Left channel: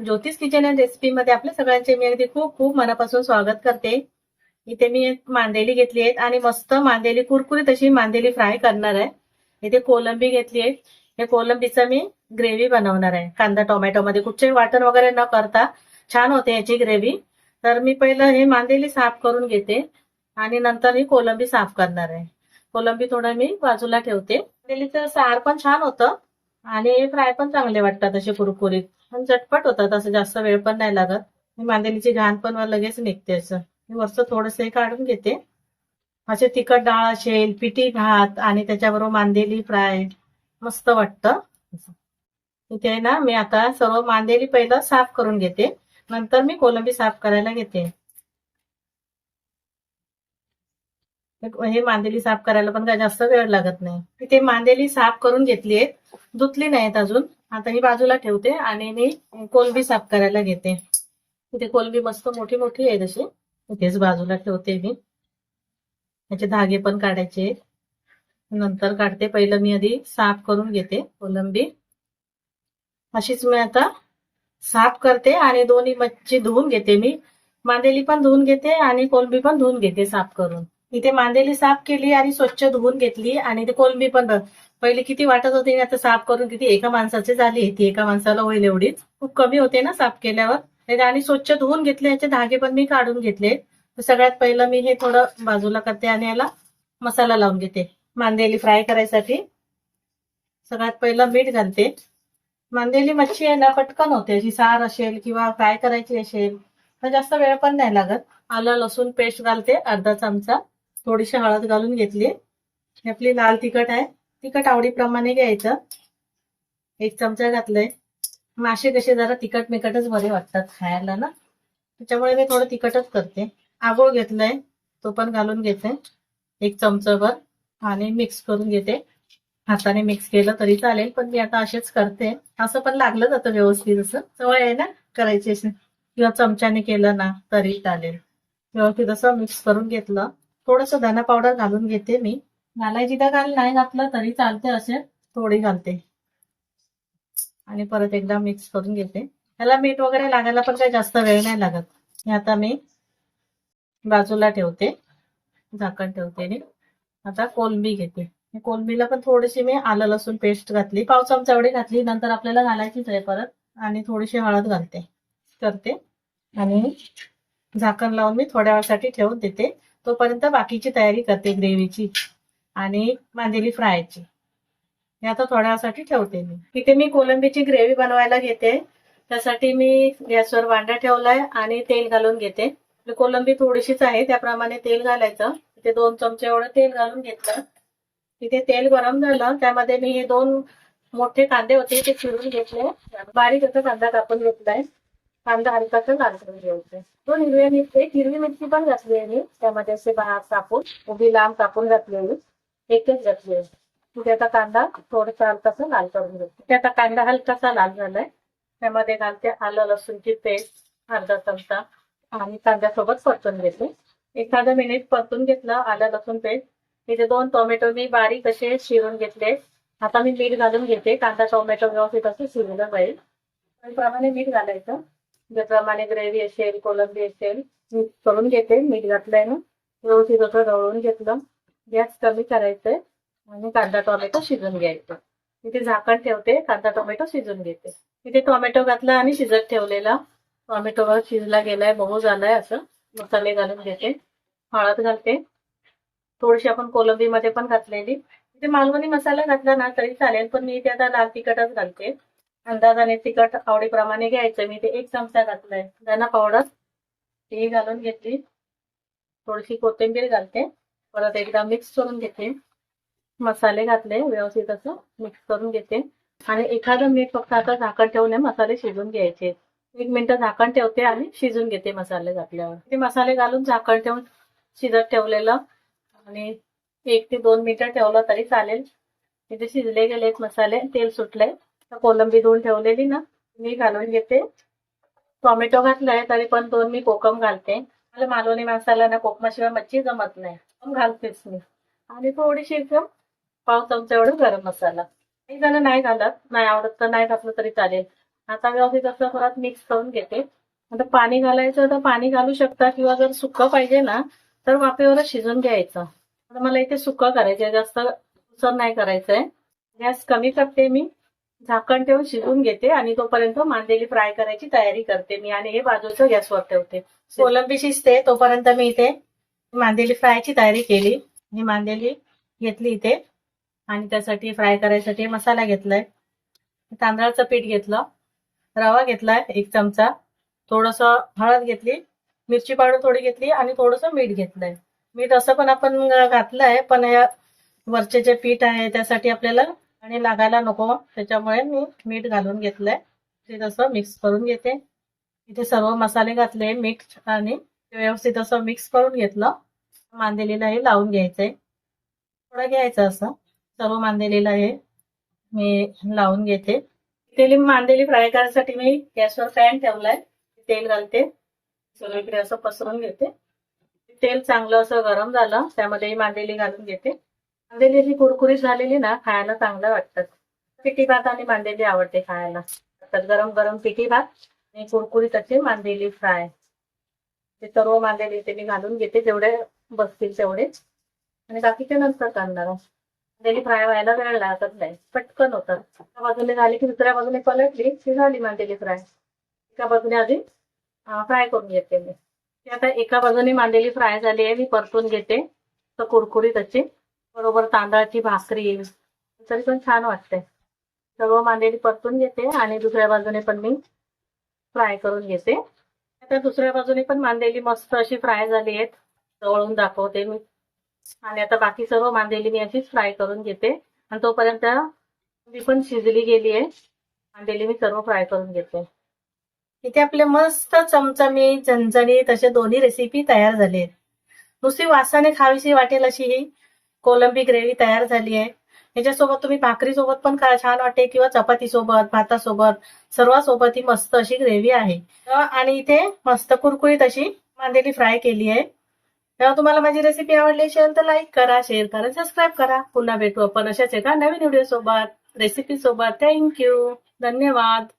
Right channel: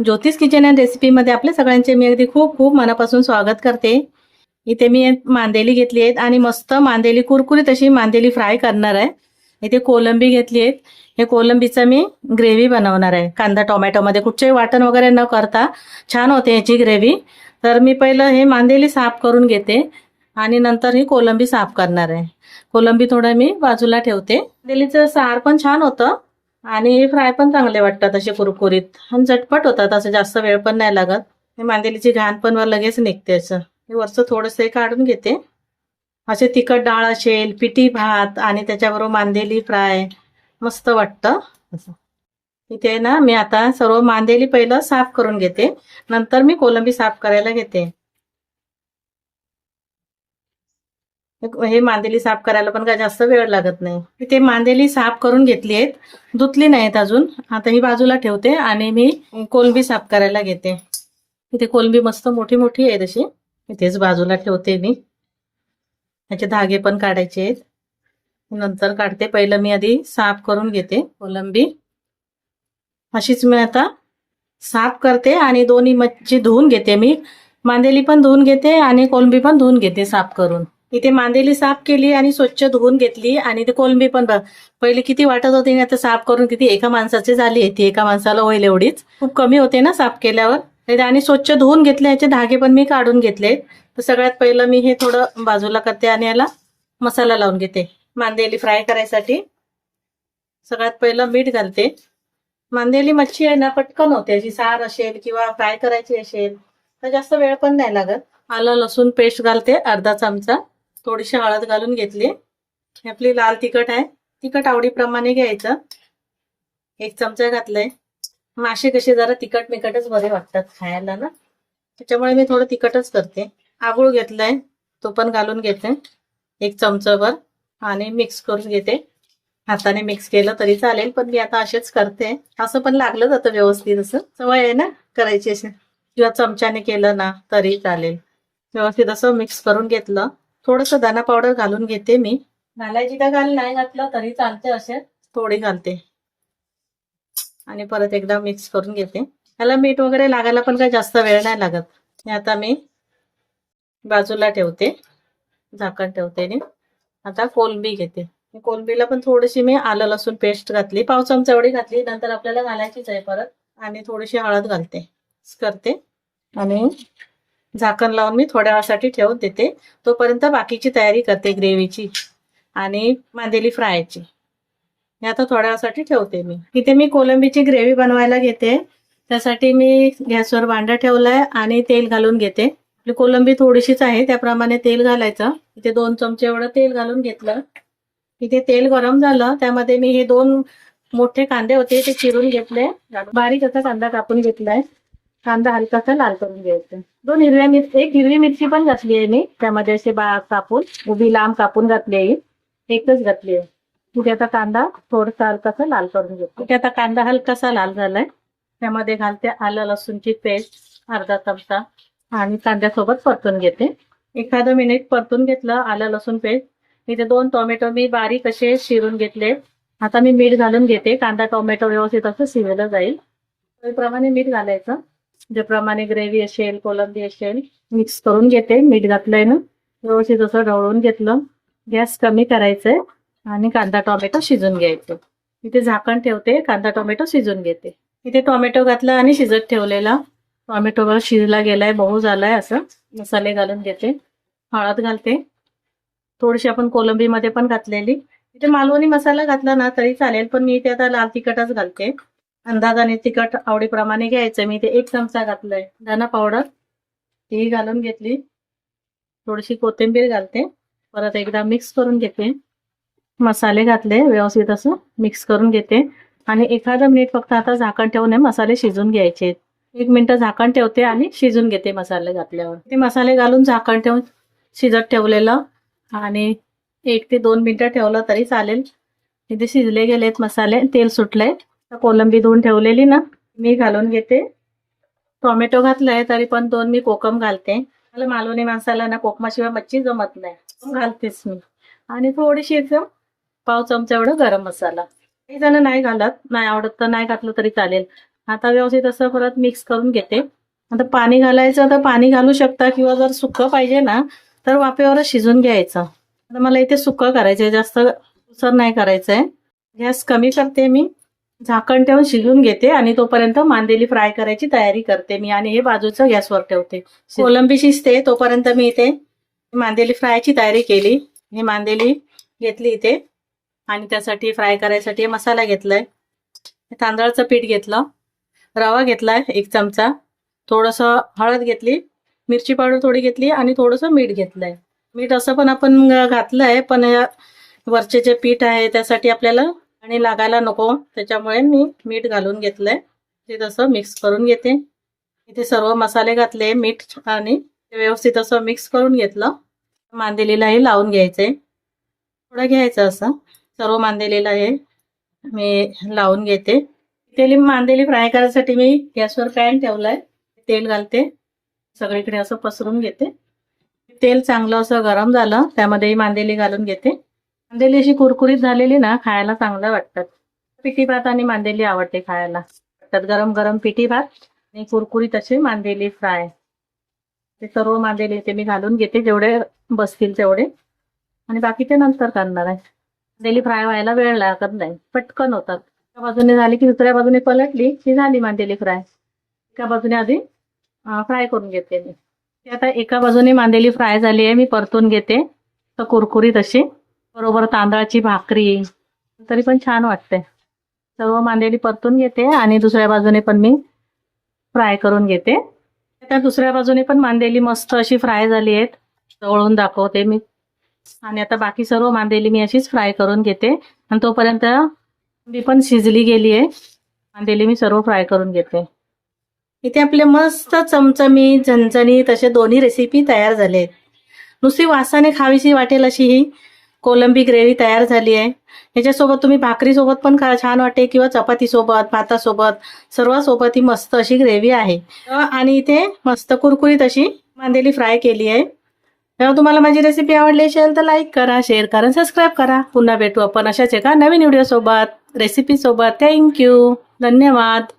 ज्योतिष kitchen and रेसिपीमध्ये आपल्या सगळ्यांचे मी अगदी खूप खूप मनापासून स्वागत करते. इथे मी मांदेली घेतली आहेत आणि मस्त मांदेली कुरकुरीत अशी मांदेली फ्राय करणार आहे. इथे कोलंबी घेतली आहेत. हे कोलंबीचं मी ग्रेव्ही बनवणार आहे. कांदा टोमॅटोमध्ये कुठचेही वाटण वगैरे न करता छान होते याची ग्रेव्ही. तर मी पहिलं हे मांदेली साफ करून घेते आणि नंतर ही कोलंबी साफ करणार आहे. कोलंबी थोडं मी बाजूला ठेवते. मांदेलीचं सार पण छान होतं आणि फ्राय पण चांगले वाटतात असे कुरकुरीत आणि झटपट होतात. असं जास्त वेळ पण नाही लागत. हे मांदेलीची घाण पण लगेच निघते. असं हे वरचं थोडंसं काढून घेते. असे तिखट डाळ असेल, पिठी भात आणि त्याच्याबरोबर मांदेली फ्राय मस्त वाटतं. असं इथे ना मी आता सर्व मांदेली पहिलं साफ करून घेते, नंतर मी कोलंबी साफ करायला घेते. हे मांदेली साफ करायला पण काय जास्त वेळ लागत नाही. इथे मांदेली साफ करून घेतली आहेत, धुतली नाहीत अजून. आता ही बाजूला ठेवते आणि मी कोलंबी साफ करायला घेते. इथे कोलंबी मस्त मोठी मोठी आहे तशी, इथेच बाजूला ठेवते मी. त्याचे धागे पण काढायचे आहेत, नंतर काढते. पहिलं मी आधी साफ करून घेते कोलंबी. अशीच मी आता साफ करते आणि दोन्ही मच्छी धुवून घेते. मी मांदेली पण धुवून घेते आणि कोलंबी पण धुवून घेते साफ करून. इथे मांदेली साफ केली आणि स्वच्छ धुवून घेतली आणि ते कोलंबी पण पहिले किती वाटत होती, आता साफ करून किती एका माणसाची झाली. ती एका माणसाला होईल एवढीच, खूप कमी होते ना साफ केल्यावर. आणि स्वच्छ धुवून घेतले. याचे धागे पण मी काढून घेतले. तर सगळ्यात पहिलं मी हे थोडं बाजूला करते आणि याला मसाला लावून घेते. मांदेली फ्राय करायसाठी सगळ्यात पहिलं मीठ घालते. मांदेली मच्छी आहे ना, पटकन होते. अशी सार असेल किंवा फ्राय करायची असेल तर जास्त वेळ पण नाही लागत. आलं लसूण पेस्ट घालते अर्धा चमचा. थोडीशी हळद घालून घेतली. आपली लाल तिखट आहे, तिखट आवडीप्रमाणे घ्यायचं. 1 चमचा घातलंय. मासे कसे जरा तिखट मिखटच बरे वाटतात खायला ना, त्याच्यामुळे मी थोडं तिखटच करते. आगोळ घेतलाय, तो पण घालून घेते 1 चमचाभर आणि मिक्स करून घेते. हाताने मिक्स केलं तरी चालेल, पण मी आता असेच करते. असं पण लागलं जातं व्यवस्थित. असं सवय आहे ना करायची असे, किंवा चमच्याने केलं ना तरी चालेल. व्यवस्थित असं मिक्स करून घेतलं. थोडंसं धना पावडर घालून घेते मी. घालायची तर घाल, नाही घातलं तरी चालते. असे थोडी घालते आणि परत एकदा मिक्स करून घेते. त्याला मीठ वगैरे लागायला पण काही जास्त वेळ नाही लागत. हे आता मी बाजूला ठेवते, झाकण ठेवते. आणि आता कोलंबी घेते. कोलंबीला पण थोडीशी मी आलं लसूण पेस्ट घातली, 1/2 चमचा एवढी घातली. नंतर आपल्याला घालायचीच आहे परत. आणि थोडीशी हळद घालते करते आणि झाकण लावून मी थोड्या वेळासाठी ठेवत देते. तोपर्यंत बाकीची तयारी करते ग्रेव्हीची आणि मांदेली फ्रायची. हे आता थोड्या वेळासाठी ठेवते मी. इथे मी कोलंबीची ग्रेव्ही बनवायला घेते. त्यासाठी मी गॅसवर भांडं ठेवलंय आणि तेल घालून घेते. आपली कोलंबी थोडीशीच आहे, त्याप्रमाणे तेल घालायचं. इथे 2 चमचे एवढं तेल घालून घेतलं. इथे तेल गरम झालं, त्यामध्ये मी हे 2 मोठे कांदे होते ते चिरून घेतले. बारीक असा कांदा कापून घेतलाय. कांदा हलकासा लाल करून घ्यायचा. 2 हिरव्या मिरची, 1 हिरवी मिरची पण घातली आहे मी त्यामध्ये. असे कापून उभी लांब कापून घातली आहे, एकच घातली आहे. कुठे आता कांदा थोडासा हलकासा लाल करून घेतो. कुठे आता कांदा हलकासा लाल झालाय, त्यामध्ये घालते आलं लसूणची पेस्ट अर्धा चमचा आणि कांद्यासोबत परतून घेते. 1 मिनिट परतून घेतलं आलं लसूण पेस्ट. इथे 2 टोमॅटो मी बारीक असे चिरून घेतले. आता मी मीठ घालून घेते. कांदा टोमॅटो व्यवस्थित असं शिजलं जाईल त्याप्रमाणे मीठ घालायचं. ज्याप्रमाणे ग्रेव्ही असेल, कोलंबी असेल, मिक्स करून घेते. मीठ घातलंय ना, व्यवस्थित असं ढवळून घेतलं. गॅस कमी करायचंय आणि कांदा टोमॅटो शिजून घ्यायचं. इथे झाकण ठेवते, कांदा टोमॅटो शिजून घेते. इथे टोमॅटो घातलं आणि शिजत ठेवलेला. टोमॅटो शिजला गेलाय, मऊ झालाय. असं मसाले घालून घेते. हळद घालते थोडीशी, आपण कोलंबी मध्ये पण घातलेली. इथे मालवणी मसाला घातला ना तरी चालेल, पण मी इथे आता लाल तिखटच घालते. अंदाजाने तिखट आवडीप्रमाणे घ्यायचं. मी इथे 1 चमचा घातलाय. धना पावडर ती घालून घेतली. थोडीशी कोथिंबीर घालते. परत एकदा मिक्स करून घेते. मसाले घातले, व्यवस्थित असं मिक्स करून घेते आणि 1 मिनिट फक्त आता झाकण ठेवून मसाले शिजून घ्यायचे. 1 मिनिट झाकण ठेवते आणि शिजून घेते मसाले घातल्यावर. ते मसाले घालून झाकण ठेवून शिजत ठेवलेलं आणि 1 ते 2 मिनिटं ठेवलं तरी चालेल. इथे शिजले गेलेत मसाले, तेल सुटलंय. कोलंबी धुवून ठेवलेली ना मी घालून घेते. टोमॅटो घातलाय तरी पण 2 मी कोकम घालते. मला मालवणी मसाला ना कोकमाशिवाय मच्छी जमत नाही, घालतेच मी. आणि थोडीशी 1/2 चमचा एवढं गरम मसाला. काही जण नाही घालत, नाही आवडत तर नाही घातलं तरी चालेल. आता व्यवस्थित असं परत मिक्स करून घेते. आता पाणी घालायचं तर पाणी घालू शकता किंवा जर सुकं पाहिजे ना तर वाफेवरच शिजून घ्यायचं. आता मला इथे सुकं करायचंय, जास्त उसर नाही करायचंय. गॅस कमी करते मी, झाकण ठेवून शिजवून घेते आणि तोपर्यंत मांदेली फ्राय करायची तयारी करते मी आणि हे बाजूचं गॅसवर ठेवते. कोलंबी शिजते तोपर्यंत मी इथे मांदेली फ्रायची तयारी केली. ही मांदेली घेतली इथे आणि त्यासाठी फ्राय करायसाठी मसाला घेतलाय. तांदळाचं पीठ घेतलं, रवा घेतलाय 1 चमचा, थोडंसं हळद घेतली, मिरची पावडर थोडी घेतली आणि थोडंसं मीठ घेतलंय. मीठ असं पण आपण घातलंय, पण वरचे जे पीठ आहे त्यासाठी आपल्याला आणि लागायला नको, त्याच्यामुळे मी मीठ घालून घेतलंय. ते तसं मिक्स करून घेते. इथे सर्व मसाले घातले, मीठ आणि व्यवस्थित असं मिक्स करून घेतलं. मांदेलीलाही लावून घ्यायचंय, थोडं घ्यायचं असं सर्व मांदेलीला हे मी लावून घेते. तेल मांदेली फ्राय करायसाठी मी गॅसवर पॅन ठेवलाय, तेल घालते, सगळीकडे असं पसरून घेते. तेल चांगलं असं गरम झालं त्यामध्ये मांदेली घालून घेते. मांदेली अशी कुरकुरीत झालेली ना खायला चांगलं वाटतात. पिठी भात आणि मांदेली आवडते खायला. त्यात गरम गरम पिठी भात आणि कुरकुरीत असे मांदेली फ्राय. ते सर्व मांदेली ते मी घालून घेते, जेवढे बसतील तेवढे, आणि बाकीचे नंतर करणार आहे. मांदेली फ्राय व्हायला वेळ लागत नाही, पटकन होतात. एका बाजूने झाली की दुसऱ्या बाजूने पलटली की झाली मांदेली फ्राय. एका बाजूने आधी फ्राय करून घेते मी. आता एका बाजूने मांदेली फ्राय झाली आहे, मी परतून घेते तर कुरकुरीत अशी, बरोबर तांदळाची भाकरी तरी पण छान वाटते. सर्व मांदेली परतून घेते आणि दुसऱ्या बाजूने पण मी फ्राय करून घेते. आता दुसऱ्या बाजूने पण मांदेली मस्त अशी फ्राय झाली आहेत, तळून दाखवते मी. आणि आता बाकी सर्व मांदेली मी अशीच फ्राय करून घेते आणि तोपर्यंत मी पण शिजली गेली आहे. मांदेली मी सर्व फ्राय करून घेते. इथे आपले मस्त चमचमीत झणझणीत असे दोन्ही रेसिपी तयार झाले आहेत. नुसती वासाने खावीशी वाटेल अशी ही कोलंबी ग्रेव्ही तयार झाली आहे. ह्याच्यासोबत तुम्ही भाकरीसोबत पण छान वाटेल किंवा चपातीसोबत, भातासोबत, सर्वासोबत ही मस्त अशी ग्रेव्ही आहे. आणि इथे मस्त कुरकुरीत अशी मांदेली फ्राय केली आहे. तेव्हा तुम्हाला माझी रेसिपी आवडली असेल तर लाईक करा, शेअर करा, सबस्क्राईब करा. पुन्हा भेटू आपण अशाच एका नवीन व्हिडिओ सोबत, रेसिपी सोबत. थँक्यू, धन्यवाद.